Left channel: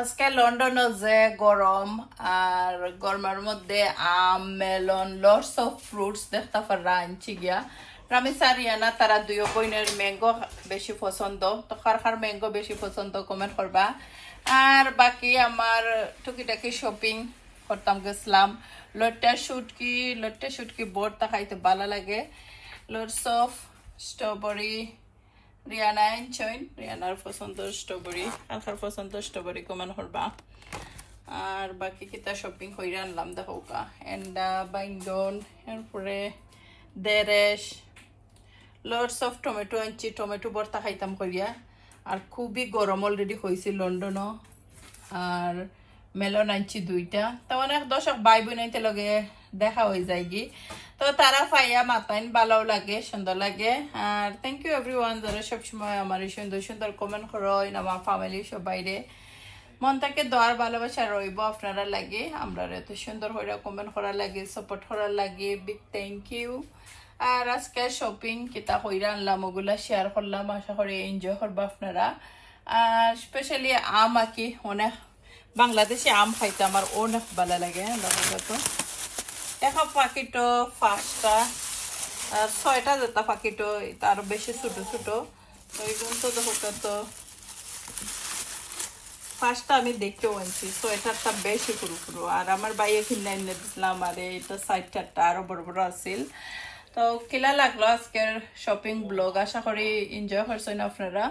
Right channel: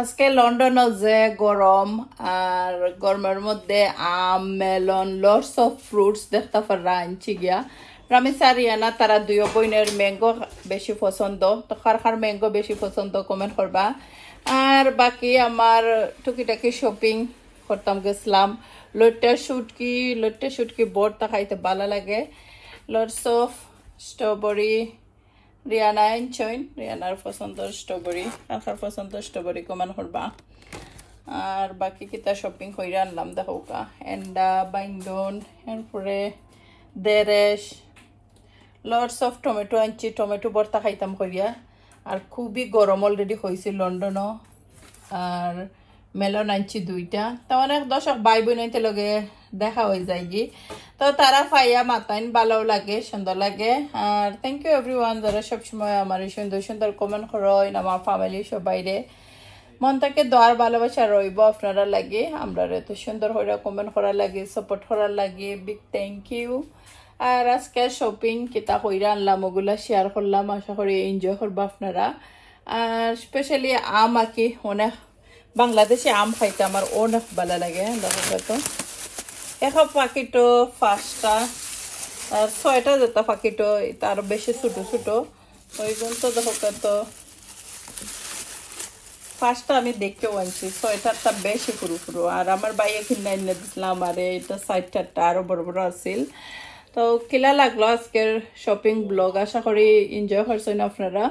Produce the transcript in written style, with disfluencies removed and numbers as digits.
আজকে লন্ডন যে গরম আর গরমের মধ্যে আম মেলন লটস অফ ফ্রুটস দেখতে পারা আনছি গিয়া রামিসা রিয়ানা তারা দুই বোনের ম্যাঙ্গো বেশি পছন্দ তো কার ম্যাঙ্গো বেশি পছন্দ কমেন্ট করবা আর বাকি আমার টুকিটাকি শপিং করতাম গেছিলাম লট্টা শুটকি বড়টা খাইতে ভালো লাগে লটস অফ স্ট্রবেরি রিয়ানা আনছইন রিয়ানার পছন্দের স্ট্রবেরি আখার পছন্দের স্ট্রবেরি কমান করবা আর বাকি কিতা শপিং কইরা আনলাম দেখোকা এন্ডা বাইন্ডন এরপরে দেরেশ লটস অফ টমেটো আনছি টমেটো ভর্তা খাইতাম করিয়া আর খুবই গরম অলরেডি হয়েছে লন্ডনও আর মেলন আনছি দুইটা তো অনেক দর্শক ভাই বোন আনতে লগে দেখা হয়ে যায় কি তো তারা পাইয়া মাতাইন ভালো লাগে সুন্দর লাগে আর থ্যাংক ইউ এভরিওয়ান যারা সবসময় আমার এই সুন্দর সুন্দর কমেন্ট করেন আমার ফ্যামিলি সবাইরে মন থেকে দোয়ার ভালোবাসা রইব আপনারা লাগে আমরা এত সুন্দর হয়ে কমেন্ট করার লাগে সাপোর্ট করার লাগে বিগ থ্যাংক ইউ আর আজকে শপিং কিতা কইরা আনলাম ওগুলা শেয়ার করলাম আশা করি এনজয় করবো আপনারা আর স্পেশালি আম আঁকি অনেক বাংলাদেশে আম খাইতে আমার অনেক ভালো লাগে তো এক পাখিটো 5টা আর 6টা যেটা পাখিটো তার বেশি ছোট ছোট ওই জন্য তো দেখো তো 5টা আমি দেখতেও আনছি 6টারটা বেশি পুরো আর আমার বাইরে কিনে এনে দিলাম আর এটা 6টারটা আরো বড় বড় আছিল তো কিলা লাগলো আজকের শপিং ব্লগ আশা করি এনজয় করছেন আপনারা